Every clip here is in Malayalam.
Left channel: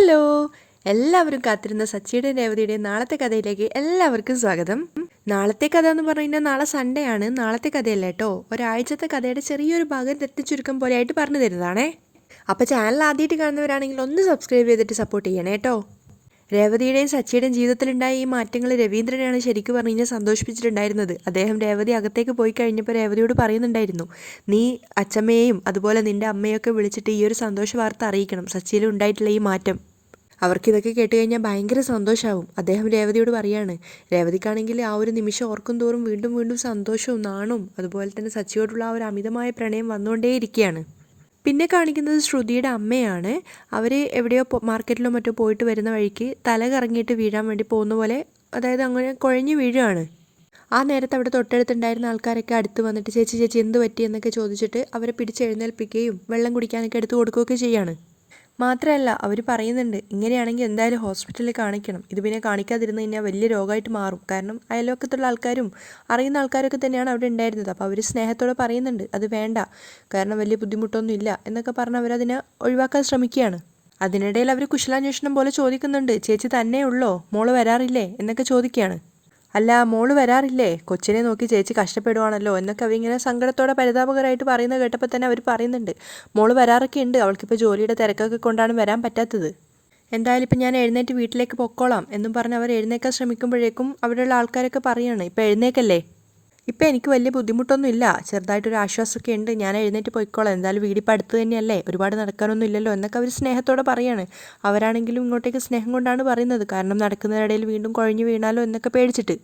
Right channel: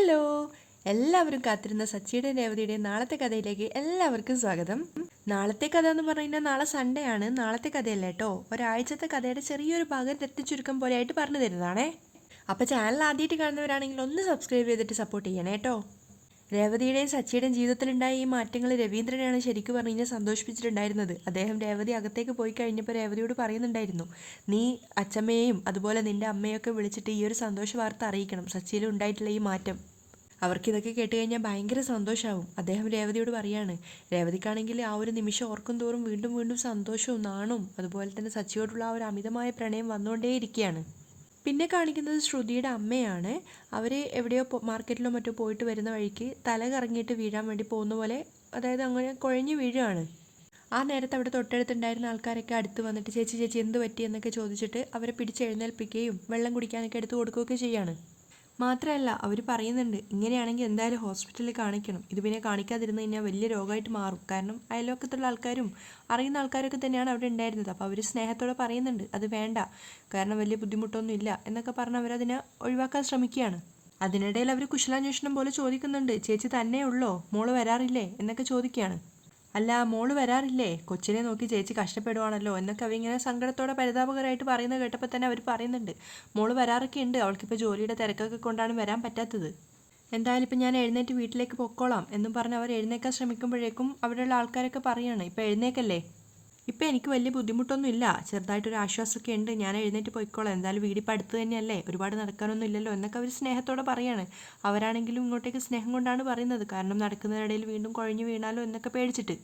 ഹലോ, എല്ലാവരും കാത്തിരുന്ന സച്ചിയുടെയും രേവതിയുടെയും നാളത്തെ കഥയിലേക്ക് എല്ലാവർക്കും സ്വാഗതം. നാളത്തെ കഥ എന്ന് പറഞ്ഞു കഴിഞ്ഞാൽ നാളെ സൺഡേ ആണ്. നാളത്തെ കഥയല്ല കേട്ടോ, ഒരാഴ്ചത്തെ കഥയുടെ ചെറിയൊരു ഭാഗം തെറ്റിച്ചുരുക്കം പോലെയായിട്ട് പറഞ്ഞു തരുന്നതാണേ. അപ്പോൾ ചാനൽ ആദ്യമായിട്ട് കാണുന്നവരാണെങ്കിൽ ഒന്ന് സബ്സ്ക്രൈബ് ചെയ്തിട്ട് സപ്പോർട്ട് ചെയ്യണേ കേട്ടോ. രേവതിയുടെയും സച്ചിയുടെയും ജീവിതത്തിലുണ്ടായ ഈ മാറ്റങ്ങൾ രവീന്ദ്രനെയാണ് ശരിക്കും പറഞ്ഞു കഴിഞ്ഞാൽ സന്തോഷിപ്പിച്ചിട്ടുണ്ടായിരുന്നത്. അദ്ദേഹം രേവതി അകത്തേക്ക് പോയി കഴിഞ്ഞപ്പോൾ രേവതിയോട് പറയുന്നുണ്ടായിരുന്നു, നീ അച്ഛമ്മയെയും അതുപോലെ നിൻ്റെ അമ്മയൊക്കെ വിളിച്ചിട്ട് ഈ ഒരു സന്തോഷ വാർത്ത അറിയിക്കണം, സച്ചിയിൽ ഉണ്ടായിട്ടുള്ള ഈ മാറ്റം. അവർക്കിതൊക്കെ കേട്ട് കഴിഞ്ഞാൽ ഭയങ്കര സന്തോഷമാവും. അദ്ദേഹം രേവതിയോട് പറയാണ്. രേവതിക്കാണെങ്കിൽ ആ ഒരു നിമിഷം ഓർക്കും തോറും വീണ്ടും വീണ്ടും സന്തോഷവും നാണവും അതുപോലെ തന്നെ സച്ചിയോടുള്ള ആ ഒരു അമിതമായ പ്രണയം വന്നുകൊണ്ടേയിരിക്കുകയാണ്. പിന്നെ കാണിക്കുന്നത് ശ്രുതിയുടെ അമ്മയാണ്. അവർ എവിടെയോ മാർക്കറ്റിലോ മറ്റോ പോയിട്ട് വരുന്ന വഴിക്ക് തല കറങ്ങിയിട്ട് വീഴാൻ വേണ്ടി പോകുന്ന പോലെ, അതായത് അങ്ങനെ കുഴഞ്ഞു വീഴുകയാണ്. ആ നേരത്ത് അവിടെ തൊട്ടടുത്തുണ്ടായിരുന്ന ആൾക്കാരൊക്കെ അടുത്ത് വന്നിട്ട് ചേച്ചി ചേച്ചി എന്ത് പറ്റി എന്നൊക്കെ ചോദിച്ചിട്ട് അവരെ പിടിച്ചെഴുന്നേൽപ്പിക്കുകയും വെള്ളം കുടിക്കാനൊക്കെ എടുത്ത് കൊടുക്കുകയൊക്കെ ചെയ്യാണ്. മാത്രമല്ല അവർ പറയുന്നുണ്ട്, ഇങ്ങനെയാണെങ്കിൽ എന്തായാലും ഹോസ്പിറ്റലിൽ കാണിക്കണം, ഇത് പിന്നെ കാണിക്കാതിരുന്ന് കഴിഞ്ഞാൽ വലിയ രോഗമായിട്ട് മാറും. കാരണം അയൽവക്കത്തുള്ള ആൾക്കാരും അറിയുന്ന ആൾക്കാരൊക്കെ തന്നെയാണ് അവിടെ ഉണ്ടായിരുന്നത്. അപ്പോൾ അവർ സ്നേഹത്തോടെ പറയുന്നുണ്ട് അത് വേണ്ട, കാരണം വലിയ ബുദ്ധിമുട്ടൊന്നും ഇല്ല എന്നൊക്കെ പറഞ്ഞ് അവരതിനെ ഒഴിവാക്കാൻ ശ്രമിക്കുകയാണ്. അതിനിടയിൽ അവർ കുശലാന്വേഷണം പോലെ ചോദിക്കുന്നുണ്ട്, ചേച്ചി തന്നെ ഉള്ളോ, മോള് വരാറില്ലേ എന്നൊക്കെ ചോദിക്കുകയാണ്. അല്ല, മോള് വരാറില്ലേ, കൊച്ചിനെ നോക്കി ചേച്ചി കഷ്ടപ്പെടുവാണല്ലോ എന്നൊക്കെ അവരിങ്ങനെ സങ്കടത്തോടെ പരിതാപകരമായിട്ട് പറയുന്നത് കേട്ടപ്പോൾ തന്നെ അവർ പറയുന്നുണ്ട്, മോള് വരാറൊക്കെ ഉണ്ട്, അവൾക്കിപ്പോൾ ജോലിയുടെ തിരക്കൊക്കെ കൊണ്ടാണ് വരാൻ പറ്റാത്തത്. എന്തായാലും ഇപ്പം ഞാൻ എഴുന്നേറ്റ് വീട്ടിലേക്ക് പൊക്കോളാം എന്നും പറഞ്ഞ് അവർ എഴുന്നേക്കാൻ ശ്രമിക്കുമ്പോഴേക്കും അവിടെയുള്ള ആൾക്കാരൊക്കെ പറയുകയാണ്, ഇപ്പം എഴുന്നേക്കല്ലേ, ഇപ്പം എനിക്ക് വലിയ ബുദ്ധിമുട്ടൊന്നും ഇല്ല, ചെറുതായിട്ടൊരു ആശ്വാസമൊക്കെ ഉണ്ട്, ഞാൻ എഴുന്നേറ്റ് പോയിക്കോളാം, എന്തായാലും വീടിപ്പോൾ അടുത്ത് തന്നെയല്ലേ, ഒരുപാട് നടക്കാനൊന്നും ഇല്ലല്ലോ എന്നൊക്കെ അവർ സ്നേഹത്തോടെ പറയാണ്. അവരാണെങ്കിലും ഇങ്ങോട്ടേക്ക് സ്നേഹം കൊണ്ടാണ് പറയുന്നത്, കാരണം നടക്കുന്നതിനിടയിൽ വീണ്ടും കുഴഞ്ഞു വീണാലോ എന്നൊക്കെ പേടിച്ചിട്ട്.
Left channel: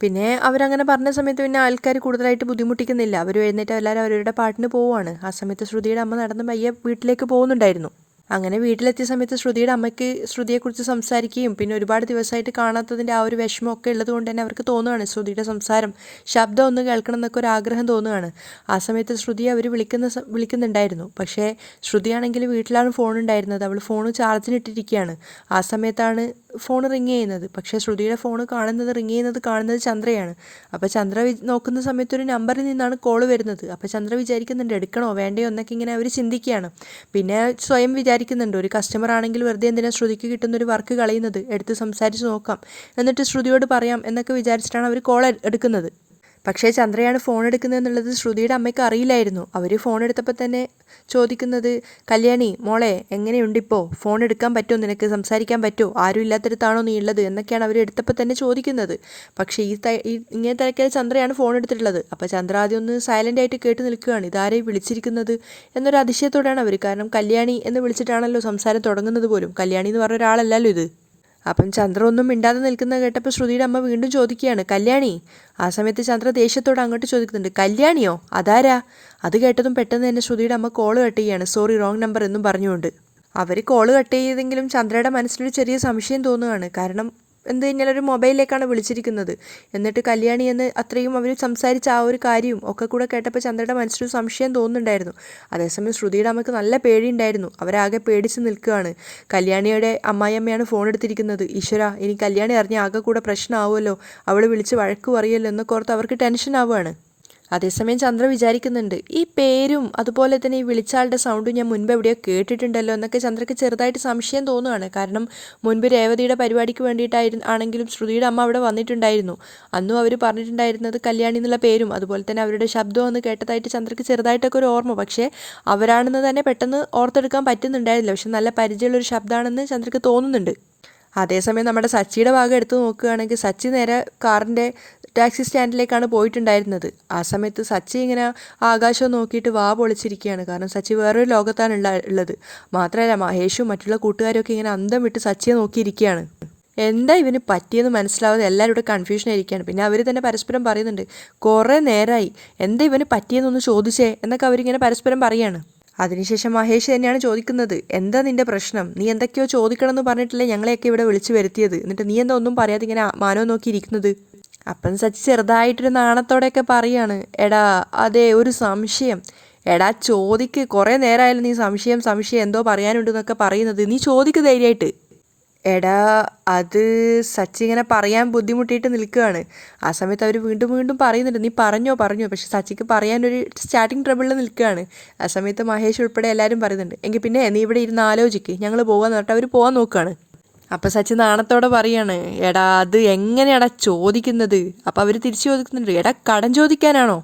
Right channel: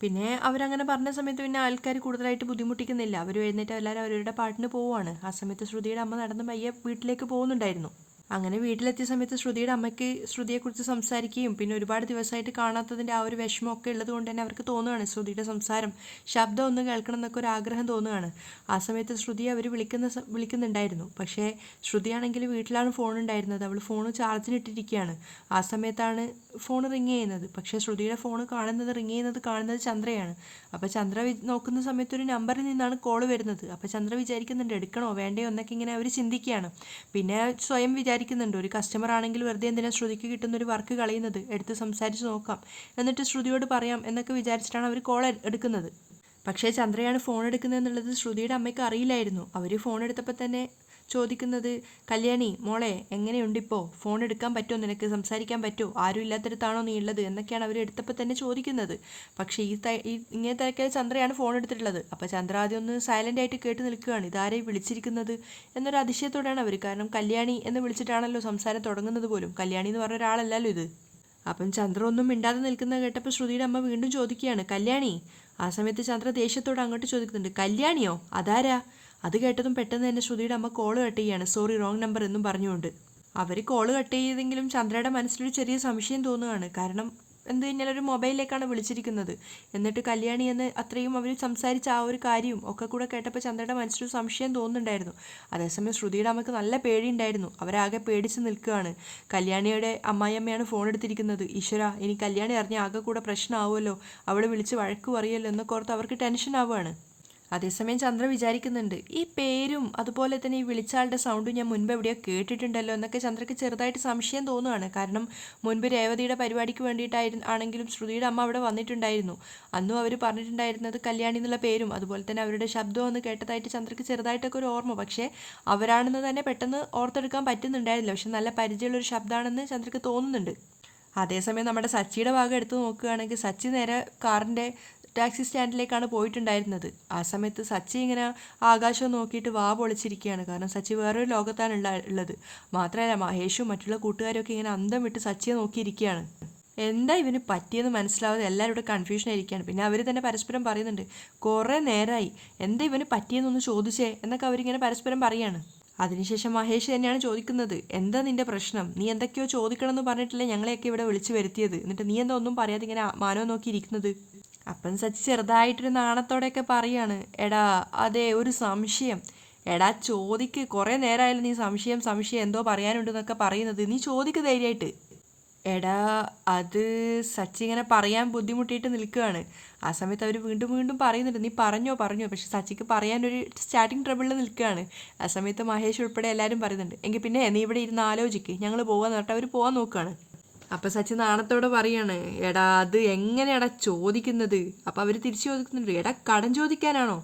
പിന്നെ അവരങ്ങനെ പറഞ്ഞ സമയത്ത് പിന്നെ ആൾക്കാർ കൂടുതലായിട്ട് ബുദ്ധിമുട്ടിക്കുന്നില്ല. അവർ എഴുന്നേറ്റ് എല്ലാവരും അവരുടെ പാട്ടിന് പോവുകയാണ്. ആ സമയത്ത് ശ്രുതിയുടെ അമ്മ നടന്ന് പയ്യെ വീട്ടിലേക്ക് പോകുന്നുണ്ടായിരുന്നു. അങ്ങനെ വീട്ടിലെത്തിയ സമയത്ത് ശ്രുതിയുടെ അമ്മയ്ക്ക് ശ്രുതിയെക്കുറിച്ച് സംസാരിക്കുകയും പിന്നെ ഒരുപാട് ദിവസമായിട്ട് കാണാത്തതിൻ്റെ ആ ഒരു വിഷമമൊക്കെ ഉള്ളത് കൊണ്ട് തന്നെ അവർക്ക് തോന്നുകയാണ് ശ്രുതിയുടെ സംസാരം, ശബ്ദം ഒന്ന് കേൾക്കണം എന്നൊക്കെ ഒരു ആഗ്രഹം തോന്നുകയാണ്. ആ സമയത്ത് ശ്രുതിയെ അവർ വിളിക്കുന്നുണ്ടായിരുന്നു. പക്ഷേ ശ്രുതിയാണെങ്കിൽ വീട്ടിലാണ് ഫോൺ ഉണ്ടായിരുന്നത്. അവൾ ഫോൺ ചാർജിനിട്ടിരിക്കുകയാണ്. ആ സമയത്താണ് ഫോൺ റിങ് ചെയ്യുന്നത്. പക്ഷേ ശ്രുതിയുടെ ഫോൺ റിങ് ചെയ്യുന്നത് ചന്ദ്രയാണ്. അപ്പോൾ ചന്ദ്ര നോക്കുന്ന സമയത്ത് ഒരു നമ്പറിൽ നിന്നാണ് കോൾ വരുന്നത്. അപ്പോൾ ചന്ദ്ര വിചാരിക്കുന്നുണ്ട് എടുക്കണോ വേണ്ടയോ എന്നൊക്കെ ഇങ്ങനെ അവർ ചിന്തിക്കുകയാണ്. പിന്നെ സ്വയം വിചാരിക്കുന്നുണ്ട്, ഒരു കസ്റ്റമർ ആണെങ്കിൽ വെറുതെ എന്തിനാ ശ്രുതിക്ക് കിട്ടുന്നൊരു വർക്ക് കളയുന്നത്, എടുത്ത് സംസാരിച്ച് നോക്കാം, എന്നിട്ട് ശ്രുതിയോട് പറയാം എന്നൊക്കെ വിചാരിച്ചിട്ടാണ് അവർ കോൾ എടുക്കുന്നത്. പക്ഷേ ചന്ദ്രയാണ് ഫോൺ എടുക്കുന്നത് എന്നുള്ളത് ശ്രുതിയുടെ അമ്മയ്ക്ക് അറിയില്ലായിരുന്നു. അവർ ഫോൺ എടുത്തപ്പോൾ തന്നെ ചോദിക്കുന്നത്, കല്യാണി മോളെ എങ്ങനെയുണ്ടിപ്പോൾ, ഫോൺ എടുക്കാൻ പറ്റുമോ, നിനക്ക് സംസാരിക്കാൻ പറ്റുമോ, ആരും ഇല്ലാത്തടത്താണോ നീ ഉള്ളത് എന്നൊക്കെയാണ് അവർ എടുത്തപ്പോൾ തന്നെ ചോദിക്കുന്നത്. പക്ഷേ ഇങ്ങനെ തിരക്കിയ ചന്ദ്രയാണ് ഫോൺ എടുത്തിട്ടുള്ളത്. അപ്പോൾ ചന്ദ്ര ആദ്യം ഒന്ന് സൈലൻ്റ് ആയിട്ട് കേട്ട് നിൽക്കുകയാണ്, ഇതാരെയും വിളിച്ചിരിക്കുന്നത് എന്നൊരു അതിശയത്തോടെയാണ് അവർ. കാരണം കല്യാണി എന്ന് വിളിച്ചിട്ടാണല്ലോ സംസാരം തുടങ്ങുന്നത് പോലും, കല്യാണി എന്ന് പറഞ്ഞ ഒരാളല്ലല്ലോ ഇത്. അപ്പം ചന്ദ്ര ഒന്നും മിണ്ടാതെ നിൽക്കുന്നത് കേട്ടപ്പോൾ ശ്രുതിയുടെ അമ്മ വീണ്ടും ചോദിക്കുകയാണ്, കല്യാണി. ആ സമയത്ത് ചന്ദ്ര ദേഷ്യത്തോടെ അങ്ങോട്ട് ചോദിക്കുന്നുണ്ട്, കല്യാണിയോ, അതാരാ? അത് കേട്ടതും പെട്ടെന്ന് തന്നെ ശ്രുതിയുടെ അമ്മ കോള് കട്ട് ചെയ്യുകയാണ്, സോറി റോങ് നമ്പർ എന്നും പറഞ്ഞുകൊണ്ട്. അവർ കോള് കട്ട് ചെയ്തെങ്കിലും ചന്ദ്രയുടെ മനസ്സിലൊരു ചെറിയ സംശയം തോന്നുകയാണ്. കാരണം എന്ത് കഴിഞ്ഞാൽ ഒരു മൊബൈലിലേക്കാണ് വിളിച്ചിരിക്കുന്നത്. എന്നിട്ട് കല്യാണി എന്ന് അത്രയും അവർ സംസാരിച്ച ആ ഒരു കാര്യവും ഒക്കെ കൂടെ കേട്ടപ്പോൾ ചന്ദ്രയുടെ മനസ്സിലൊരു സംശയം തോന്നുന്നുണ്ടായിരുന്നു. അതേസമയം ശ്രുതിയുടെ അമ്മയ്ക്ക് നല്ല പേടിയുണ്ടായിരുന്നു. അവരാകെ പേടിച്ച് നിൽക്കുകയാണ്. കല്യാണിയുടെ അമ്മായിയമ്മയാണ് ഫോൺ എടുത്തിരിക്കുന്നത്. ഈശ്വര, ഇനി കല്യാണി അറിഞ്ഞ ആകെ കൂടെ പ്രശ്നമാവുമല്ലോ, അവൾ വിളിച്ച് വഴക്ക് പറയുമല്ലോ എന്നൊക്കെ ഓർത്ത് അവർക്ക് ടെൻഷൻ ആവുകയാണ്. അതേസമയം ചന്ദ്ര വിചാരിക്കുന്നുണ്ട്, ഈ പേരും അതുപോലെ തന്നെ ഈ വിളിച്ചാളുടെ സൗണ്ടും ഞാൻ മുൻപ് എവിടെയോ കേട്ടിട്ടുണ്ടല്ലോ എന്നൊക്കെ ചന്ദ്രയ്ക്ക് ചെറുതായിട്ട് സംശയം തോന്നുകയാണ്. കാരണം മുൻപ് രേവതിയുടെ പരിപാടിക്ക് ആണെങ്കിലും ശ്രുതിയുടെ അമ്മ അവിടെ വന്നിട്ടുണ്ടായിരുന്നു. അന്നും അവർ പറഞ്ഞിട്ടുണ്ടായിരുന്നത് കല്യാണി എന്നുള്ള പേരും അതുപോലെ തന്നെ അവരുടെ ശബ്ദം ഒന്ന് കേട്ടതായിട്ട് ചന്ദ്രയ്ക്ക് ചെറുതായിട്ടൊക്കെ ഒരു ഓർമ്മ. പക്ഷേ അവരാണെന്ന് തന്നെ പെട്ടെന്ന് ഓർത്തെടുക്കാൻ പറ്റുന്നുണ്ടായിരുന്നില്ല. പക്ഷെ നല്ല പരിചയമുള്ളൊരു ശബ്ദമാണെന്ന് ചന്ദ്രയ്ക്ക് തോന്നുന്നുണ്ട്. അതേസമയം നമ്മുടെ സച്ചിയുടെ ഭാഗം എടുത്ത് നോക്കുകയാണെങ്കിൽ സച്ചി നേരെ കാറിൻ്റെ ടാക്സി സ്റ്റാൻഡിലേക്കാണ് പോയിട്ടുണ്ടായിരുന്നത്. ആ സമയത്ത് സച്ചി ഇങ്ങനെ ആകാശം നോക്കിയിട്ട് വാ പൊളിച്ചിരിക്കുകയാണ്. കാരണം സച്ചി വേറൊരു ലോകത്താണ് ഉള്ളത്. മാത്രമല്ല മഹേഷും മറ്റുള്ള കൂട്ടുകാരൊക്കെ ഇങ്ങനെ അന്തം വിട്ട് സച്ചിയെ നോക്കിയിരിക്കുകയാണ്. എന്താ ഇവന് പറ്റിയെന്ന് മനസ്സിലാവാതെ എല്ലാവരും ഇവിടെ കൺഫ്യൂഷൻ ആയിരിക്കുകയാണ്. പിന്നെ അവർ തന്നെ പരസ്പരം പറയുന്നുണ്ട്, കുറേ നേരമായി, എന്താ ഇവന് പറ്റിയെന്നൊന്ന് ചോദിച്ചേ എന്നൊക്കെ അവരിങ്ങനെ പരസ്പരം പറയുകയാണ്. അതിനുശേഷം മഹേഷ് തന്നെയാണ് ചോദിക്കുന്നത്, എന്താ നിന്റെ പ്രശ്നം, നീ എന്തൊക്കെയോ ചോദിക്കണമെന്ന് പറഞ്ഞിട്ടില്ലേ ഞങ്ങളെയൊക്കെ ഇവിടെ വിളിച്ചു വരുത്തിയത്, എന്നിട്ട് നീ എന്താ ഒന്നും പറയാതെ ഇങ്ങനെ മാനോ നോക്കിയിരിക്കുന്നത്. അപ്പം സച്ചി ചെറുതായിട്ടൊരു നാണത്തോടെയൊക്കെ പറയാണ്, എടാ അതെ ഒരു സംശയം, എടാ ചോദിക്ക്, കുറേ നേരമായാലും നീ സംശയം എന്തോ പറയാനുണ്ടെന്നൊക്കെ പറയുന്നത്, നീ ചോദിക്ക് ധൈര്യമായിട്ട്. എടാ അത് സച്ചി ഇങ്ങനെ പറയാൻ ബുദ്ധിമുട്ടിയിട്ട് നിൽക്കുകയാണ്. ആ സമയത്ത് അവർ വീണ്ടും വീണ്ടും പറയുന്നുണ്ട്, നീ പറഞ്ഞോ പറഞ്ഞോ, പക്ഷെ സച്ചിക്ക് പറയാനൊരു സ്റ്റാർട്ടിങ് ട്രബിളിൽ നിൽക്കുകയാണ്. ആ സമയത്ത് മഹേഷ് ഉൾപ്പെടെ എല്ലാവരും പറയുന്നുണ്ട്, എങ്കിൽ പിന്നെ നീ ഇവിടെ ഇരുന്ന് ആലോചിക്ക്, ഞങ്ങൾ പോകാന്ന് പറഞ്ഞിട്ട് അവർ പോകാൻ നോക്കുകയാണ്. അപ്പം സച്ചി നാണത്തോടെ പറയാണ്, എടാ അത് എങ്ങനെയാടാ ചോദിക്കുന്നത്? അപ്പം അവർ തിരിച്ചു ചോദിക്കുന്നുണ്ട്, എടാ കടം ചോദിക്കാനാണോ?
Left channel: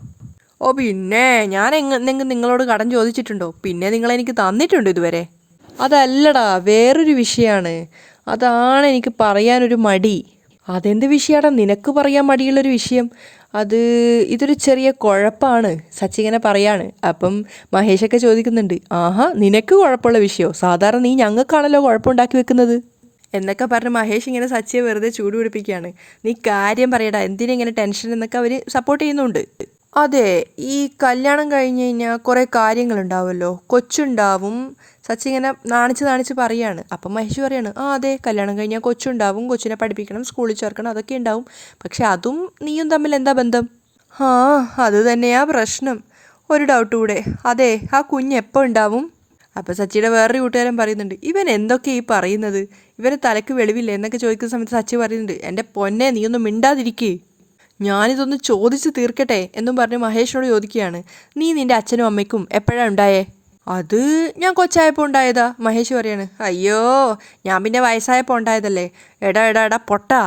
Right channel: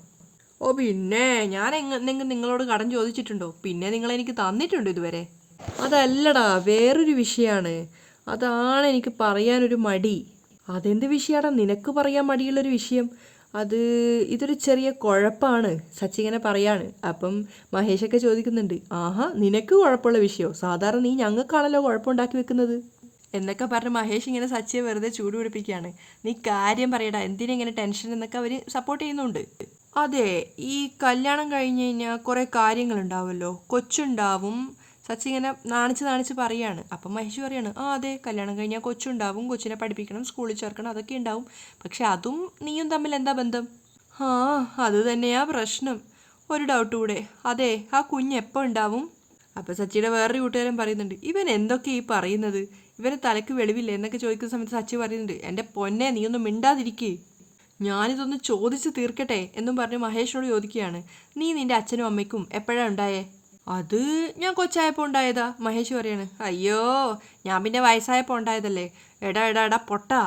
ഓ പിന്നെ ഞാൻ എന്തെങ്കിലും നിങ്ങളോട് കടം ചോദിച്ചിട്ടുണ്ടോ? പിന്നെ നിങ്ങളെനിക്ക് തന്നിട്ടുണ്ടോ ഇതുവരെ? അതല്ലടാ, വേറൊരു വിഷയമാണ്. അതാണ് എനിക്ക് പറയാനൊരു മടി. അതെന്ത് വിഷയമാടാ നിനക്ക് പറയാൻ മടിയുള്ളൊരു വിഷയം? അത് ഇതൊരു ചെറിയ കുഴപ്പമാണ്, സച്ചി ഇങ്ങനെ പറയാണ്. അപ്പം മഹേഷൊക്കെ ചോദിക്കുന്നുണ്ട്, ആഹാ നിനക്ക് കുഴപ്പമുള്ള വിഷയമോ? സാധാരണ നീ ഞങ്ങൾക്കാണല്ലോ കുഴപ്പമുണ്ടാക്കി വെക്കുന്നത് എന്നൊക്കെ പറഞ്ഞ് മഹേഷ് ഇങ്ങനെ സച്ചിയെ വെറുതെ ചൂട് പിടിപ്പിക്കുകയാണ്. നീ കാര്യം പറയടാ, എന്തിനാ ഇങ്ങനെ ടെൻഷൻ എന്നൊക്കെ അവർ സപ്പോർട്ട് ചെയ്യുന്നുണ്ട്. അതെ, ഈ കല്യാണം കഴിഞ്ഞ് കഴിഞ്ഞാൽ കുറേ കാര്യങ്ങളുണ്ടാവുമല്ലോ, കൊച്ചുണ്ടാവും. സച്ചി ഇങ്ങനെ നാണിച്ച് നാണിച്ച് പറയാണ്. അപ്പം മഹേഷ് പറയാണ്, ആ അതെ, കല്യാണം കഴിഞ്ഞാൽ കൊച്ചുണ്ടാവും, കൊച്ചിനെ പഠിപ്പിക്കണം, സ്കൂളിൽ ചേർക്കണം, അതൊക്കെ ഉണ്ടാവും. പക്ഷെ അതും നീയും തമ്മിൽ എന്താ ബന്ധം? ആ അത് തന്നെയാ പ്രശ്നം. ഒരു ഡൗട്ട് കൂടെ, അതെ ആ കുഞ്ഞ് എപ്പോൾ ഉണ്ടാവും? അപ്പം സച്ചിയുടെ വേറൊരു കൂട്ടുകാരൻ പറയുന്നുണ്ട്, ഇവൻ എന്തൊക്കെ ഈ പറയുന്നത്, ഇവന് തലയ്ക്ക് വെളിവില്ലേ എന്നൊക്കെ ചോദിക്കുന്ന സമയത്ത് സച്ചി പറയുന്നുണ്ട്, എൻ്റെ പൊന്നെ നീയൊന്നും മിണ്ടാതിരിക്കേ, ഞാനിതൊന്ന് ചോദിച്ച് തീർക്കട്ടെ എന്നും പറഞ്ഞ് മഹേഷിനോട് ചോദിക്കുകയാണ്, നീ നിൻ്റെ അച്ഛനും അമ്മയ്ക്കും എപ്പോഴാണ് ഉണ്ടായേ? അത് ഞാൻ കൊച്ചായപ്പോൾ ഉണ്ടായതാ, മഹേഷ് പറയാണ്. അയ്യോ, ഞാൻ പിന്നെ വയസ്സായപ്പോൾ ഉണ്ടായതല്ലേ. എടാ എടാ എടാ പൊട്ടാ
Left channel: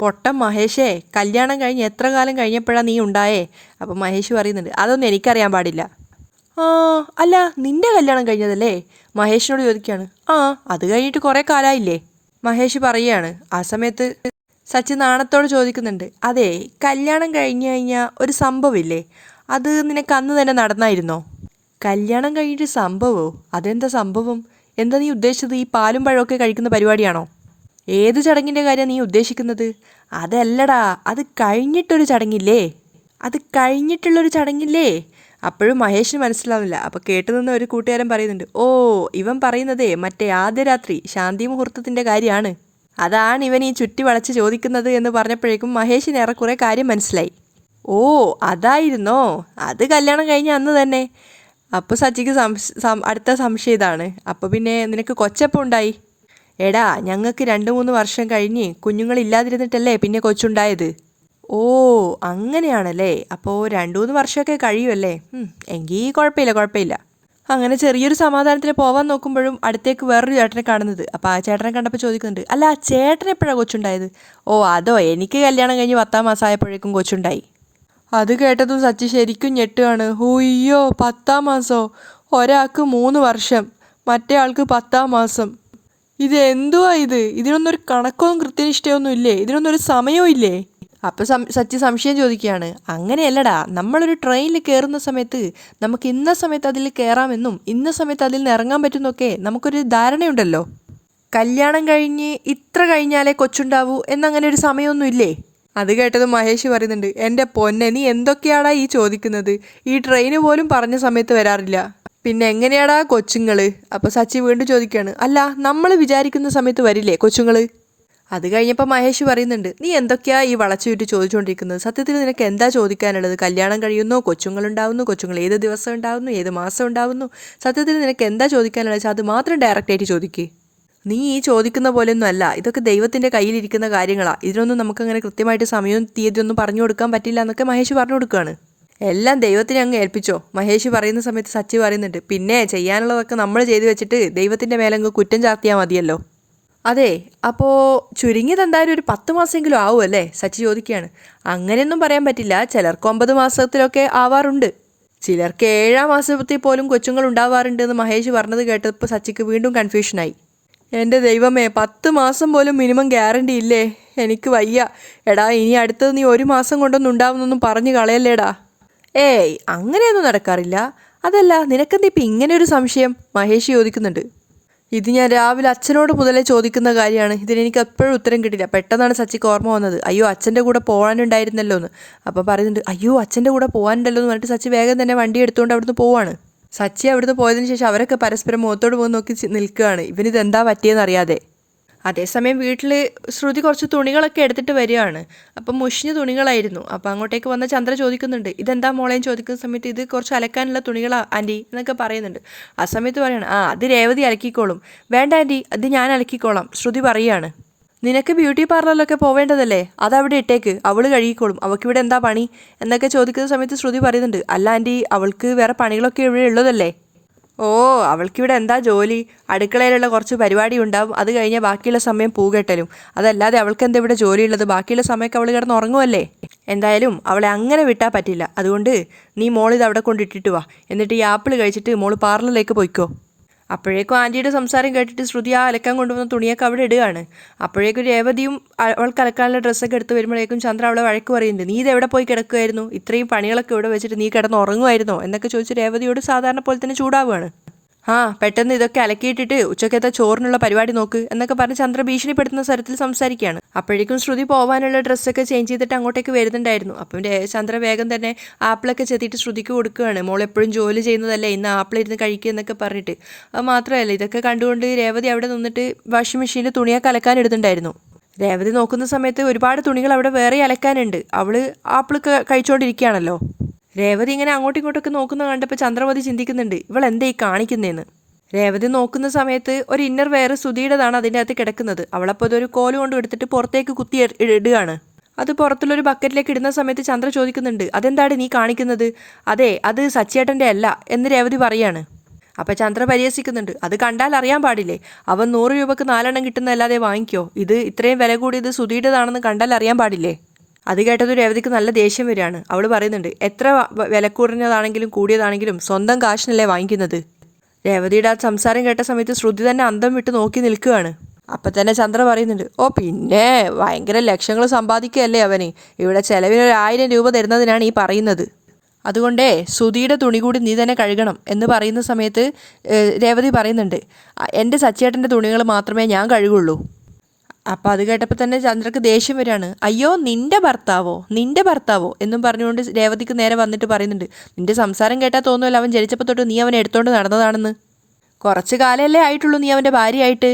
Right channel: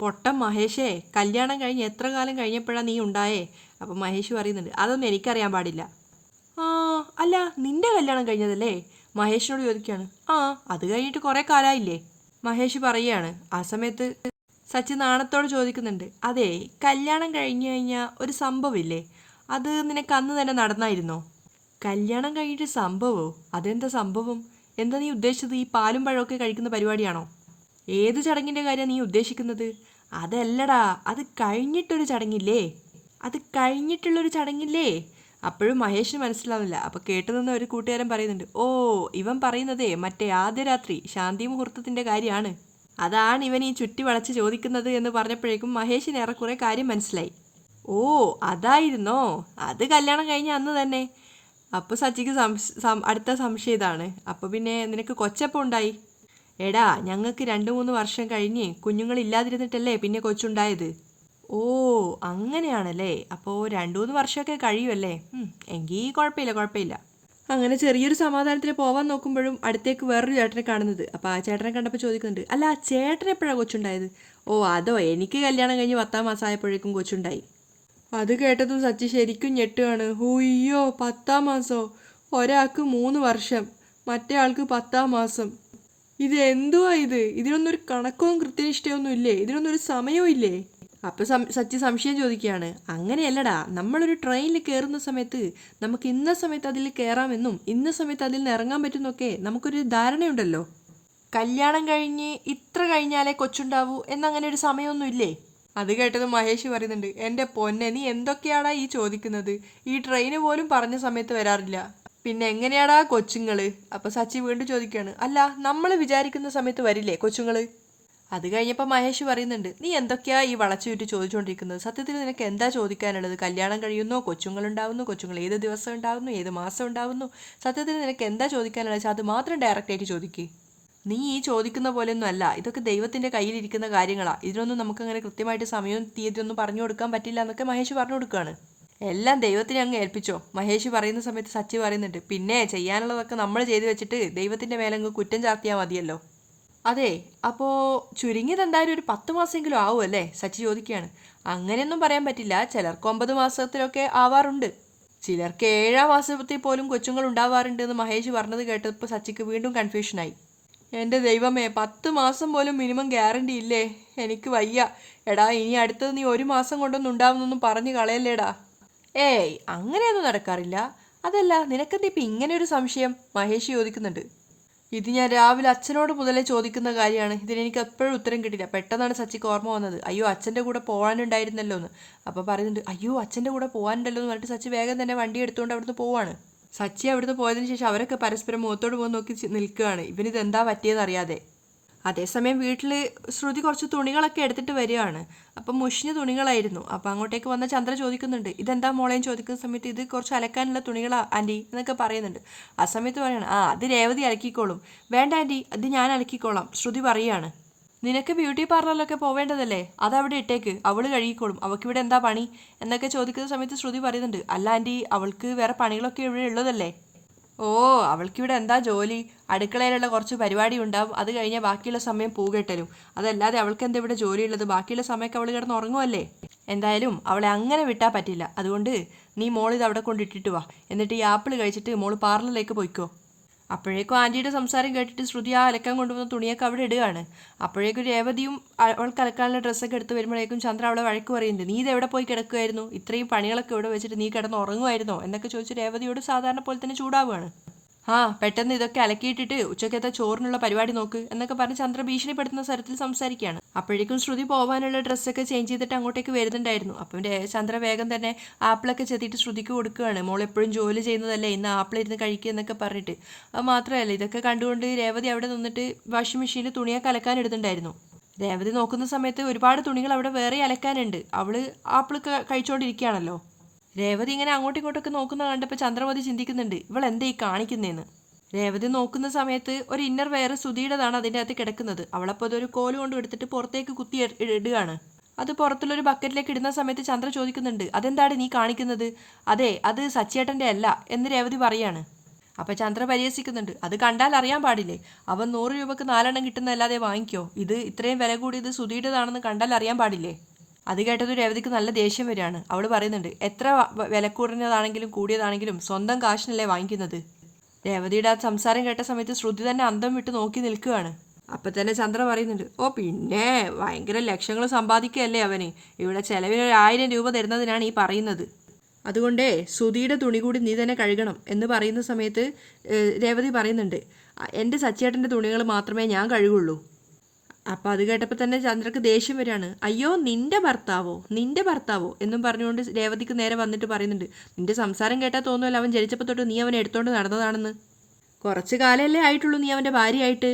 പൊട്ടം മഹേഷേ, കല്യാണം കഴിഞ്ഞ് എത്ര കാലം കഴിഞ്ഞപ്പോഴാണ് നീ ഉണ്ടായേ? അപ്പം മഹേഷ് പറയുന്നുണ്ട്, അതൊന്നും എനിക്കറിയാൻ പാടില്ല. ആ അല്ല, നിന്റെ കല്യാണം കഴിഞ്ഞതല്ലേ? മഹേഷിനോട് ചോദിക്കുകയാണ്. ആ അത് കഴിഞ്ഞിട്ട് കുറേ കാലമായില്ലേ? മഹേഷ് പറയുകയാണ്. ആ സമയത്ത് സച്ചി നാണത്തോട് ചോദിക്കുന്നുണ്ട്, അതെ കല്യാണം കഴിഞ്ഞ് കഴിഞ്ഞാൽ ഒരു സംഭവമില്ലേ, അത് നിനക്ക് അന്ന് തന്നെ നടന്നായിരുന്നോ? കല്യാണം കഴിഞ്ഞിട്ട് സംഭവമോ? അതെന്താ സംഭവം? എന്താ നീ ഉദ്ദേശിച്ചത്? ഈ പാലും പഴമൊക്കെ കഴിക്കുന്ന പരിപാടിയാണോ? ഏത് ചടങ്ങിൻ്റെ കാര്യമാണ് നീ ഉദ്ദേശിക്കുന്നത്? അതല്ലടാ, അത് കഴിഞ്ഞിട്ടൊരു ചടങ്ങില്ലേ, അത് കഴിഞ്ഞിട്ടുള്ളൊരു ചടങ്ങില്ലേ? അപ്പോഴും മഹേഷിന് മനസ്സിലാവില്ല. അപ്പോൾ കേട്ടു നിന്ന് ഒരു കൂട്ടുകാരൻ പറയുന്നുണ്ട്, ഓ ഇവൻ പറയുന്നതേ മറ്റേ ആദ്യ രാത്രി ശാന്തി മുഹൂർത്തത്തിൻ്റെ കാര്യമാണ്, അതാണ് ഇവൻ ഈ ചുറ്റി വളച്ച് ചോദിക്കുന്നത് എന്ന് പറഞ്ഞപ്പോഴേക്കും മഹേഷിന് ഏറെക്കുറെ കാര്യം മനസ്സിലായി. ഓ അതായിരുന്നോ? അത് കല്യാണം കഴിഞ്ഞ അന്ന് തന്നെ. അപ്പോൾ സച്ചിക്ക് അടുത്ത സംശയം ഇതാണ്, അപ്പോൾ പിന്നെ നിനക്ക് കൊച്ചപ്പം ഉണ്ടായി? എടാ ഞങ്ങൾക്ക് 2-3 വർഷം കഴിഞ്ഞ് കുഞ്ഞുങ്ങളില്ലാതിരുന്നിട്ടല്ലേ പിന്നെ കൊച്ചുണ്ടായത്. ഓ അങ്ങനെയാണല്ലേ, അപ്പോൾ 2-3 വർഷമൊക്കെ കഴിയുമല്ലേ? എങ്കിൽ കുഴപ്പമില്ല കുഴപ്പമില്ല. അങ്ങനെ ചെറിയൊരു സമാധാനത്തിന് പോവാൻ നോക്കുമ്പോഴും അടുത്തേക്ക് വേറൊരു ചേട്ടനെ കാണുന്നത്. അപ്പോൾ ആ ചേട്ടനെ കണ്ടപ്പോൾ ചോദിക്കുന്നുണ്ട്, അല്ല ചേട്ടൻ എപ്പോഴാണ് കൊച്ചുണ്ടായത്? ഓ അതോ, എനിക്ക് കല്യാണം കഴിഞ്ഞ് 10-ാം മാസം ആയപ്പോഴേക്കും കൊച്ചുണ്ടായി. അത് കേട്ടതും സച്ചി ശരിക്കും ഞെട്ടുകയാണ്. ഹുയ്യോ, 10-ാം മാസമോ? ഒരാൾക്ക് 3 വർഷം, മറ്റേ ആൾക്ക് 10-ാം മാസം. ഇത് എന്തുവാ ഇത്? ഇതിനൊന്നും ഒരു കണക്കവും കൃത്യനിഷ്ഠയൊന്നും ഇല്ലേ? ഇതിനൊന്നും ഒരു സമയവും ഇല്ലേ? അപ്പോൾ സച്ചി സംശയം ചോദിക്കുകയാണ്. അങ്ങനെയല്ലടാ, നമ്മളൊരു ട്രെയിനിൽ കയറുന്ന സമയത്ത് നമുക്ക് ഇന്ന സമയത്ത് അതിൽ കയറാമെന്നും ഇന്ന സമയത്ത് അതിൽ നിന്ന് ഇറങ്ങാൻ പറ്റുന്നൊക്കെ നമുക്കൊരു ധാരണയുണ്ടല്ലോ. കല്യാണം കഴിഞ്ഞ് ഇത്ര കഴിഞ്ഞാലേ കൊച്ചുണ്ടാവൂ എന്നങ്ങനെ ഒരു സമയമൊന്നും ഇല്ലേ? അത് കേട്ടത് മഹേഷ് പറയുന്നുണ്ട്, എൻ്റെ പൊന്നെ നീ എന്തൊക്കെയാടാ ഈ ചോദിക്കുന്നത്? ഈ ട്രെയിന് പോലും പറഞ്ഞ സമയത്ത് വരാറില്ല, പിന്നെ എങ്ങനെയാടാ കൊച്ചുങ്ങൾ? അപ്പോൾ സച്ചി വീണ്ടും ചോദിക്കുകയാണ്, അല്ല നമ്മൾ വിചാരിക്കുന്ന സമയത്ത് വരില്ലേ കൊച്ചുങ്ങൾ? അത് കഴിഞ്ഞപ്പോൾ മഹേഷ് പറയുന്നുണ്ട്, നീ എന്തൊക്കെയാ ഈ വളച്ചുവിട്ട് ചോദിച്ചുകൊണ്ടിരിക്കുന്നത്? സത്യത്തിൽ നിനക്ക് എന്താ ചോദിക്കാനുള്ളത്? കല്യാണം കഴിയുന്നു, കൊച്ചുങ്ങളുണ്ടാവുന്നു, കൊച്ചുങ്ങൾ ഏത് ദിവസം ഉണ്ടാവുന്നു, ഏത് മാസം ഉണ്ടാവുന്നു, സത്യത്തിൽ നിനക്ക് എന്താ ചോദിക്കാനുള്ളത്? അത് മാത്രം ഡയറക്റ്റായിട്ട് ചോദിക്കേ. നീ ഈ ചോദിക്കുന്ന പോലെയൊന്നും അല്ല, ഇതൊക്കെ ദൈവത്തിൻ്റെ കയ്യിലിരിക്കുന്ന കാര്യങ്ങളാണ്. ഇതിനൊന്നും നമുക്കങ്ങനെ കൃത്യമായിട്ട് സമയവും തീയതിയൊന്നും പറഞ്ഞു കൊടുക്കാൻ പറ്റില്ല എന്നൊക്കെ മഹേഷ് പറഞ്ഞു കൊടുക്കുകയാണ്. എല്ലാം ദൈവത്തിനെ അങ്ങ് ഏൽപ്പിച്ചോ, മഹേഷ് പറയുന്ന സമയത്ത് സച്ചി പറയുന്നുണ്ട്, പിന്നെ ചെയ്യാനുള്ളതൊക്കെ നമ്മൾ ചെയ്തു വെച്ചിട്ട് ദൈവത്തിൻ്റെ മേലങ്ങ് കുറ്റം ചാർത്തിയാൽ മതിയല്ലോ. അതെ, അപ്പോൾ ചുരുങ്ങിയത് എന്തായാലും ഒരു 10 മാസമെങ്കിലും ആവുമല്ലേ? സച്ചി ചോദിക്കുകയാണ്. അങ്ങനെയൊന്നും പറയാൻ പറ്റില്ല, ചിലർക്ക് 9 മാസത്തിലൊക്കെ ആവാറുണ്ട്, ചിലർക്ക് 7-ാം മാസത്തിൽ പോലും കൊച്ചുങ്ങൾ ഉണ്ടാവാറുണ്ട് എന്ന് മഹേഷ് പറഞ്ഞത് കേട്ടപ്പോൾ സച്ചിക്ക് വീണ്ടും കൺഫ്യൂഷനായി. എൻ്റെ ദൈവമേ, 10 മാസം പോലും മിനിമം ഗ്യാരണ്ടി ഇല്ലേ? എനിക്ക് വയ്യ. എടാ ഇനി അടുത്തത് നീ 1 മാസം കൊണ്ടൊന്നും ഉണ്ടാവുന്നൊന്നും പറഞ്ഞു കളയല്ലേടാ. ഏയ് അങ്ങനെയൊന്നും നടക്കാറില്ല. അതല്ല, നിനക്കെന്താ ഇപ്പം ഇങ്ങനെ ഒരു സംശയം? മഹേഷ് ചോദിക്കുന്നുണ്ട്. ഇത് ഞാൻ രാവിലെ അച്ഛനോട് മുതലേ ചോദിക്കുന്ന കാര്യമാണ്, ഇതിനെനിക്ക് എപ്പോഴും ഉത്തരം കിട്ടില്ല. പെട്ടെന്നാണ് സച്ചിക്ക് ഓർമ്മ വന്നത്, അയ്യോ അച്ഛൻ്റെ കൂടെ പോകാനുണ്ടായിരുന്നല്ലോ എന്ന്. അപ്പോൾ പറയുന്നുണ്ട്, അയ്യോ അച്ഛൻ്റെ കൂടെ പോകാനുണ്ടല്ലോ എന്ന് പറഞ്ഞിട്ട് സച്ചി വേഗം തന്നെ വണ്ടി എടുത്തുകൊണ്ട് അവിടുന്ന് പോവാണ്. സച്ചി അവിടുന്ന് പോയതിന് ശേഷം അവരൊക്കെ പരസ്പരം മുഖത്തോട് മുഖം നോക്കി നിൽക്കുകയാണ്, ഇവനിത് എന്താ പറ്റിയെന്ന് അറിയാതെ. അതേസമയം വീട്ടിൽ ശ്രുതി കുറച്ച് തുണികളൊക്കെ എടുത്തിട്ട് വരികയാണ്. അപ്പം മുഷിഞ്ഞ തുണികളായിരുന്നു. അപ്പം അങ്ങോട്ടേക്ക് വന്ന ചന്ദ്ര ചോദിക്കുന്നുണ്ട്, ഇതെന്താ മോളേന്ന് ചോദിക്കുന്ന സമയത്ത് ഇത് കുറച്ച് അലക്കാനുള്ള തുണികളാ ആൻറ്റി എന്നൊക്കെ പറയുന്നുണ്ട്. ആ സമയത്ത് പറയാണ്, അത് രേവതി അലക്കിക്കോളും. വേണ്ട ആൻറ്റി, അത് ഞാൻ അലക്കിക്കോളാം ശ്രുതി പറയുകയാണ്. നിനക്ക് ബ്യൂട്ടി പാർലറിലൊക്കെ പോവേണ്ടതല്ലേ, അതവിടെ ഇട്ടേക്ക്, അവൾ കഴുകിക്കോളും, അവൾക്കിവിടെ എന്താ പണി എന്നൊക്കെ ചോദിക്കുന്ന സമയത്ത് ശ്രുതി പറയുന്നുണ്ട്, അല്ല ആൻറ്റി അവൾക്ക് വേറെ പണികളൊക്കെ ഇവിടെ ഉള്ളതല്ലേ. ഓ, അവൾക്കിവിടെ എന്താ ജോലി, അടുക്കളയിലുള്ള കുറച്ച് പരിപാടി ഉണ്ടാവും, അത് കഴിഞ്ഞാൽ ബാക്കിയുള്ള സമയം പൂകെട്ടലും, അതല്ലാതെ അവൾക്ക് എന്താ ഇവിടെ ജോലിയുള്ളത്, ബാക്കിയുള്ള സമയമൊക്കെ അവൾ കിടന്ന് ഉറങ്ങുമല്ലേ. എന്തായാലും അവളെ അങ്ങനെ വിട്ടാൽ പറ്റില്ല, അതുകൊണ്ട് നീ മോളിത് അവിടെ കൊണ്ടിട്ടിട്ട് വാ, എന്നിട്ട് ഈ ആപ്പിൾ കഴിച്ചിട്ട് മോള് പാർലറിലേക്ക് പോയിക്കോ. അപ്പോഴേക്കും ആൻറ്റിയുടെ സംസാരം കേട്ടിട്ട് ശ്രുതി ആ അലക്കാൻ കൊണ്ടുവന്ന തുണിയൊക്കെ അവിടെ ഇടുകയാണ്. അപ്പോഴേക്കും രേവതിയും അവൾക്ക് അലക്കാനുള്ള ഡ്രസ്സൊക്കെ എടുത്ത് വരുമ്പോഴേക്കും ചന്ദ്ര അവളെ വഴക്ക് പറയുന്നുണ്ട്, നീ ഇത് എവിടെ പോയി കിടക്കുമായിരുന്നു, ഇത്രയും പണികളൊക്കെ ഇവിടെ വെച്ചിട്ട് നീ കിടന്ന് ഉറങ്ങുമായിരുന്നോ എന്നൊക്കെ ചോദിച്ച് രേവതിയോട് സാധാരണ പോലെ തന്നെ ചൂടാവുകയാണ്. പെട്ടെന്ന് ഇതൊക്കെ അലക്കിയിട്ടിട്ട് ഉച്ചക്കത്തെ ചോറിനുള്ള പരിപാടി നോക്ക് എന്നൊക്കെ പറഞ്ഞ് ചന്ദ്ര ഭീഷണിപ്പെടുത്തുന്ന സ്വരത്തിൽ സംസാരിക്കുകയാണ്. അപ്പോഴേക്കും ശ്രുതി പോകാനുള്ള ഡ്രസ്സൊക്കെ ചേഞ്ച് ചെയ്തിട്ട് അങ്ങോട്ടേക്ക് വരുന്നുണ്ടായിരുന്നു. അപ്പം ചന്ദ്ര വേഗം തന്നെ ആപ്പിളൊക്കെ ചെത്തിയിട്ട് ശ്രുതിക്ക് കൊടുക്കുകയാണ്. മോൾ എപ്പോഴും ജോലി ചെയ്യുന്നതല്ലേ, ഇന്ന് ആപ്പിളിരുന്ന് കഴിക്കുക എന്നൊക്കെ പറഞ്ഞിട്ട്. അത് മാത്രമല്ല, ഇതൊക്കെ കണ്ടുകൊണ്ട് രേവതി അവിടെ നിന്നിട്ട് വാഷിംഗ് മെഷീനിൽ തുണിയൊക്കെ അലക്കാൻ ഇടുന്നുണ്ടായിരുന്നു. രേവതി നോക്കുന്ന സമയത്ത് ഒരുപാട് തുണികൾ അവിടെ വേറെ അലക്കാനുണ്ട്. അവള് ആപ്പിൾ കഴിച്ചുകൊണ്ടിരിക്കുകയാണല്ലോ. രേവതി ഇങ്ങനെ അങ്ങോട്ടും ഇങ്ങോട്ടൊക്കെ നോക്കുന്നത് കണ്ടപ്പോൾ ചന്ദ്രമതി ചിന്തിക്കുന്നുണ്ട്, ഇവൾ എന്താ ഈ കാണിക്കുന്നതെന്ന്. രേവതി നോക്കുന്ന സമയത്ത് ഒരു ഇന്നർ വെയർ സുധിയുടേതാണ് അതിൻ്റെ അകത്ത് കിടക്കുന്നത്. അവളപ്പോൾ ഇതൊരു കോല് കൊണ്ട് എടുത്തിട്ട് പുറത്തേക്ക് കുത്തി ഇടുകയാണ്. അത് പുറത്തുള്ളൊരു ബക്കറ്റിലേക്ക് ഇടുന്ന സമയത്ത് ചന്ദ്ര ചോദിക്കുന്നുണ്ട്, അതെന്താണ് നീ കാണിക്കുന്നത്. അതെ, അത് സച്ചേട്ടൻ്റെ അല്ല എന്ന് രേവതി പറയാണ്. അപ്പം ചന്ദ്ര പരിഹസിക്കുന്നുണ്ട്, അത് കണ്ടാൽ അറിയാൻ പാടില്ലേ, അവൻ 100 രൂപക്ക് 4 എണ്ണം കിട്ടുന്നതല്ലാതെ വാങ്ങിക്കോ, ഇത് ഇത്രയും വില കൂടിയത് സുധിയുടേതാണെന്ന് കണ്ടാൽ അറിയാൻ പാടില്ലേ. അത് കേട്ടത് രേവതിക്ക് നല്ല ദേഷ്യം വരികയാണ്. അവൾ പറയുന്നുണ്ട്, എത്ര വില കുറഞ്ഞതാണെങ്കിലും കൂടിയതാണെങ്കിലും സ്വന്തം കാശിനല്ലേ വാങ്ങിക്കുന്നത്. രേവതിയുടെ ആ സംസാരം കേട്ട സമയത്ത് ശ്രുതി തന്നെ അന്തം വിട്ട് നോക്കി നിൽക്കുകയാണ്. അപ്പം തന്നെ ചന്ദ്ര പറയുന്നുണ്ട്, ഓ പിന്നെ ഭയങ്കര ലക്ഷങ്ങൾ സമ്പാദിക്കുകയല്ലേ അവന്, ഇവിടെ ചിലവിന് 1000 രൂപ തരുന്നതിനാണ് ഈ പറയുന്നത്. അതുകൊണ്ടേ സുധിയുടെ തുണി കൂടി നീ തന്നെ കഴുകണം എന്ന് പറയുന്ന സമയത്ത് രേവതി പറയുന്നുണ്ട്, എൻ്റെ സച്ചേട്ടൻ്റെ തുണികൾ മാത്രമേ ഞാൻ കഴുകുള്ളൂ. അപ്പോൾ അത് കേട്ടപ്പോൾ തന്നെ ചന്ദ്രക്ക് ദേഷ്യം വരികയാണ്. അയ്യോ, നിന്റെ ഭർത്താവോ എന്നും പറഞ്ഞുകൊണ്ട് രേവതിക്ക് നേരെ വന്നിട്ട് പറയുന്നുണ്ട്, നിന്റെ സംസാരം കേട്ടാൽ തോന്നുമല്ലോ അവൻ ജനിച്ചപ്പോൾ തൊട്ട് നീ അവനെ എടുത്തോണ്ട് നടന്നതാണെന്ന്. കുറച്ച് കാലമല്ലേ ആയിട്ടുള്ളൂ നീ അവൻ്റെ ഭാര്യയായിട്ട്,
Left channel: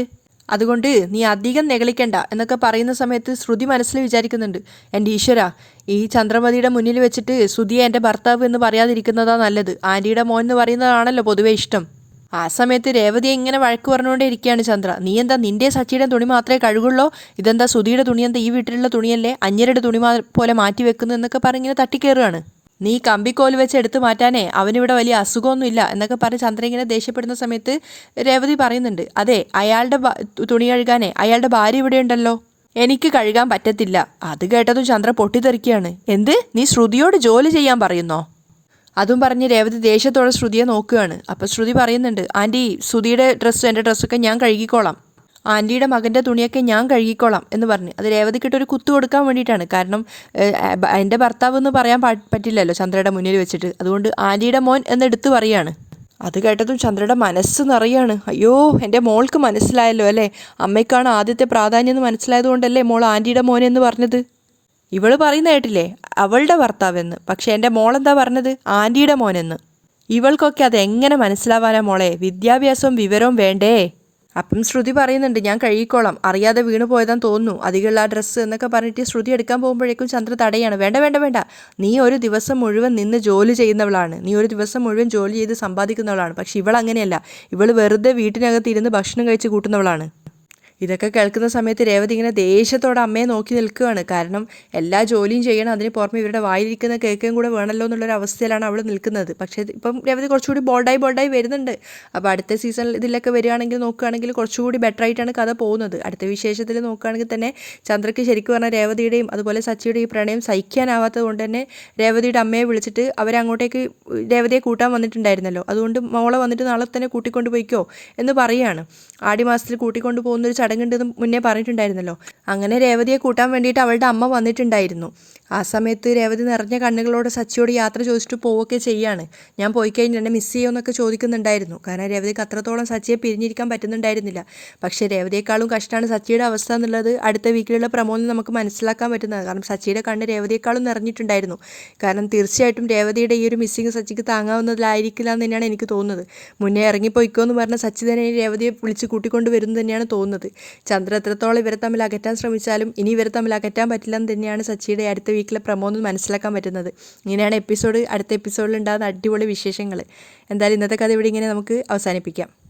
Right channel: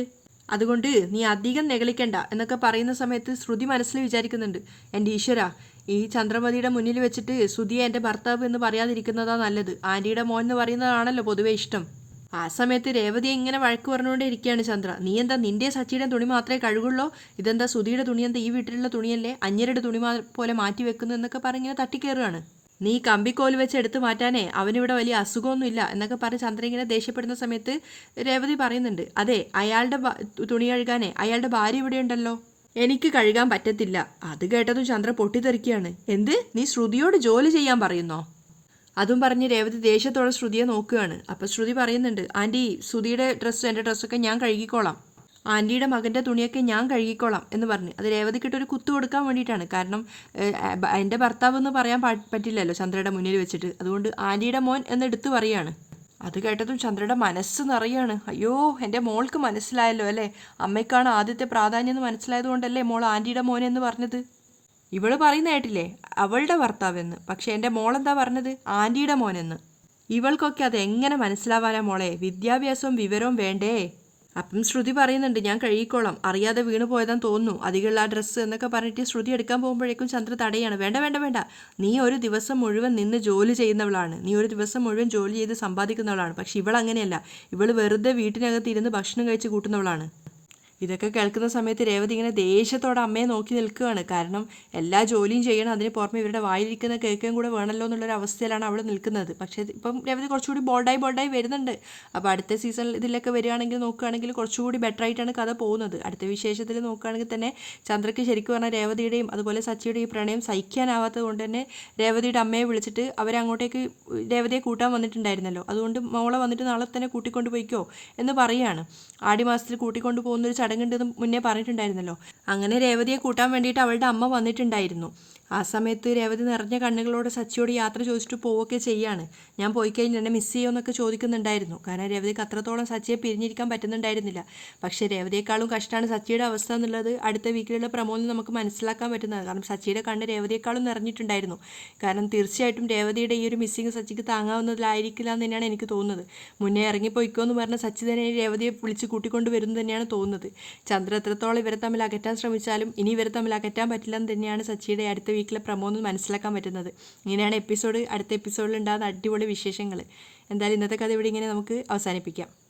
അതുകൊണ്ട് നീ അധികം നെകളിക്കണ്ട എന്നൊക്കെ പറയുന്ന സമയത്ത് ശ്രുതി മനസ്സിൽ വിചാരിക്കുന്നുണ്ട്, എൻ്റെ ഈശ്വര, ഈ ചന്ദ്രമതിയുടെ മുന്നിൽ വെച്ചിട്ട് ശ്രുതിയെ എൻ്റെ ഭർത്താവ് എന്ന് പറയാതിരിക്കുന്നതാണ് നല്ലത്. ആൻറ്റിയുടെ മോൻ എന്ന് പറയുന്നതാണല്ലോ പൊതുവേ ഇഷ്ടം. ആ സമയത്ത് രേവതിയെ ഇങ്ങനെ വഴക്ക് പറഞ്ഞുകൊണ്ടേ ഇരിക്കുകയാണ് ചന്ദ്ര. നീ എന്താ നിൻ്റെ സച്ചിയുടെ തുണി മാത്രമേ കഴുകുള്ളൂ, ഇതെന്താ സുധിയുടെ തുണി, എന്താ ഈ വീട്ടിലുള്ള തുണിയല്ലേ, അന്യരുടെ തുണി പോലെ മാറ്റി വെക്കുന്നു എന്നൊക്കെ പറഞ്ഞിങ്ങനെ തട്ടിക്കയറുകയാണ്. നീ കമ്പിക്കോല് വെച്ച് എടുത്തു മാറ്റാനേ അവനിവിടെ വലിയ അസുഖമൊന്നുമില്ല എന്നൊക്കെ പറഞ്ഞ് ചന്ദ്ര ഇങ്ങനെ ദേഷ്യപ്പെടുന്ന സമയത്ത് രേവതി പറയുന്നുണ്ട്, അതെ, അയാളുടെ തുണി കഴുകാനേ അയാളുടെ ഭാര്യ ഇവിടെ ഉണ്ടല്ലോ, എനിക്ക് കഴുകാൻ പറ്റത്തില്ല. അത് കേട്ടതും ചന്ദ്ര പൊട്ടിത്തെറിക്കുകയാണ്. എന്ത്, നീ ശ്രുതിയോട് ജോലി ചെയ്യാൻ പറയുന്നോ? അതും പറഞ്ഞ് രേവതി ദേഷ്യത്തോടെ ശ്രുതിയെ നോക്കുകയാണ്. അപ്പോൾ ശ്രുതി പറയുന്നുണ്ട്, ആൻറ്റി ശ്രുതിയുടെ എൻ്റെ ഡ്രസ്സൊക്കെ ഞാൻ കഴുകിക്കോളാം, ആൻറ്റിയുടെ മകൻ്റെ തുണിയൊക്കെ ഞാൻ കഴുകിക്കോളാം എന്ന് പറഞ്ഞ്. അത് രേവതിക്കിട്ടൊരു കുത്തു കൊടുക്കാൻ വേണ്ടിയിട്ടാണ്. കാരണം എൻ്റെ ഭർത്താവ് എന്ന് പറയാൻ പറ്റില്ലല്ലോ ചന്ദ്രയുടെ മുന്നിൽ വെച്ചിട്ട്, അതുകൊണ്ട് ആൻറ്റിയുടെ മോൻ എന്നെടുത്ത് പറയുകയാണ്. അത് കേട്ടതും ചന്ദ്രയുടെ മനസ്സ് നിറയാണ്. അയ്യോ, എൻ്റെ മോൾക്ക് മനസ്സിലായല്ലോ അല്ലേ, അമ്മയ്ക്കാണ് ആദ്യത്തെ പ്രാധാന്യം എന്ന് മനസ്സിലായതുകൊണ്ടല്ലേ മോൾ ആൻറ്റിയുടെ മോനെന്ന് പറഞ്ഞത്. ഇവൾ പറയുന്ന കേട്ടില്ലേ അവളുടെ ഭർത്താവെന്ന്, പക്ഷേ എൻ്റെ മോളെന്താ പറഞ്ഞത് ആൻറ്റിയുടെ മോനെന്ന്. ഇവൾക്കൊക്കെ അതെങ്ങനെ മനസ്സിലാവാനാ മോളെ, വിദ്യാഭ്യാസവും വിവരവും വേണ്ടേ. അപ്പം ശ്രുതി പറയുന്നുണ്ട്, ഞാൻ കഴുകിക്കോളാം, അറിയാതെ വീണ് പോയതാന്ന് തോന്നുന്നു അതിലുള്ള ആ ഡ്രസ്സ് എന്നൊക്കെ പറഞ്ഞിട്ട് ശ്രുതി എടുക്കാൻ പോകുമ്പോഴേക്കും ചന്ദ്ര തടയാണ്. വേണ്ട വേണ്ട വേണ്ട, നീ ഒരു ദിവസം മുഴുവൻ നിന്ന് ജോലി ചെയ്യുന്നവളാണ്, നീ ഒരു ദിവസം മുഴുവൻ ജോലി ചെയ്ത് സമ്പാദിക്കുന്നവളാണ്. പക്ഷെ ഇവളങ്ങനെയല്ല, ഇവൾ വെറുതെ വീട്ടിനകത്ത് ഇരുന്ന് ഭക്ഷണം കഴിച്ച് കൂട്ടുന്നവളാണ്. ഇതൊക്കെ കേൾക്കുന്ന സമയത്ത് രേവതി ഇങ്ങനെ ദേഷ്യത്തോടെ അമ്മയെ നോക്കി നിൽക്കുകയാണ്. കാരണം എല്ലാ ജോലിയും ചെയ്യണം, അതിന് പുറമെ ഇവരുടെ വായിരിക്കുന്ന കേക്കും കൂടെ വേണമല്ലോ എന്നുള്ളൊരു അവസ്ഥയിലാണ് അവൾ നിൽക്കുന്നത്. പക്ഷേ ഇപ്പം രേവതി കുറച്ചുകൂടി ബോൾഡായി വരുന്നുണ്ട്. അപ്പോൾ അടുത്ത സീസണിൽ ഇതിലൊക്കെ വരികയാണെങ്കിൽ നോക്കുകയാണെങ്കിൽ കുറച്ചുകൂടി ബെറ്റർ ആയിട്ടാണ് കഥ പോകുന്നത്. അടുത്ത വിശേഷത്തിൽ നോക്കുകയാണെങ്കിൽ തന്നെ ചന്ദ്രയ്ക്ക് ശരിക്കും പറഞ്ഞാൽ രേവതിയുടെയും അതുപോലെ സച്ചിയുടെയും ഈ പ്രണയം സഹിക്കാനാവാത്തത് കൊണ്ട് തന്നെ രേവതിയുടെ അമ്മയെ വിളിച്ചിട്ട് അവരങ്ങോട്ടേക്ക് രേവതിയെ കൂട്ടാൻ വന്നിട്ടുണ്ടായിരുന്നല്ലോ, അതുകൊണ്ട് മോളെ വന്നിട്ട് നാളെ തന്നെ കൂട്ടിക്കൊണ്ട് പോയിക്കോ എന്ന് പറയുകയാണ്. ആടി മാസത്തിൽ കൂട്ടിക്കൊണ്ട് പോകുന്നൊരു ചടങ്ങുണ്ടെന്ന് മുന്നേ പറഞ്ഞിട്ടുണ്ടായിരുന്നല്ലോ. അങ്ങനെ രേവതിയെ കൂട്ടാൻ വേണ്ടിയിട്ട് അവളുടെ അമ്മ വന്നിട്ടുണ്ടായിരുന്നു. ആ സമയത്ത് രേവതി നിറഞ്ഞ കണ്ണുകളോടെ സച്ചിയോട് യാത്ര ചോദിച്ചിട്ട് പോവുകയൊക്കെ ചെയ്യാണ്. ഞാൻ പോയി കഴിഞ്ഞ് എന്നെ മിസ് ചെയ്യുമെന്നൊക്കെ ചോദിക്കുന്നുണ്ടായിരുന്നു. കാരണം രേവതിക്ക് അത്രത്തോളം സച്ചിയെ പിരിഞ്ഞിരിക്കാൻ പറ്റുന്നുണ്ടായിരുന്നില്ല. പക്ഷേ രേവതിയേക്കാളും കഷ്ടമാണ് സച്ചിയുടെ അവസ്ഥ എന്നുള്ളത് അടുത്ത വീക്കിലുള്ള പ്രമോദിൽ നമുക്ക് മനസ്സിലാക്കാൻ പറ്റുന്നത്. കാരണം സച്ചിയുടെ കണ്ണ് രേവതിയേക്കാളും നിറഞ്ഞിട്ടുണ്ടായിരുന്നു. കാരണം തീർച്ചയായിട്ടും രേവതിയുടെ ഈ ഒരു മിസ്സിങ് സച്ചിക്ക് താങ്ങാവുന്നതിലായിരിക്കില്ല എന്ന് തന്നെയാണ് എനിക്ക് തോന്നുന്നത്. മുന്നേ ഇറങ്ങിപ്പോയിക്കോ എന്ന് പറഞ്ഞ സച്ചി തന്നെ രേവതിയെ വിളിച്ച് കൂട്ടിക്കൊണ്ട് വരുന്നത് തന്നെയാണ് തോന്നുന്നത്. ചന്ദ്ര എത്രത്തോളം ഇവരെ തമ്മിൽ അകറ്റാൻ ശ്രമിച്ചാലും ഇനി ഇവരെ തമ്മിൽ അകറ്റാൻ പറ്റില്ല എന്ന് തന്നെയാണ് സച്ചിയുടെ അടുത്ത വീക്കിലെ പ്രമോന്ന് മനസ്സിലാക്കാൻ പറ്റുന്നത്. ഇങ്ങനെയാണ് അടുത്ത എപ്പിസോഡിൽ ഉണ്ടാകുന്ന അടിപൊളി വിശേഷങ്ങൾ. എന്തായാലും ഇന്നത്തെ കഥ ഇവിടെ ഇങ്ങനെ നമുക്ക് അവസാനിപ്പിക്കാം.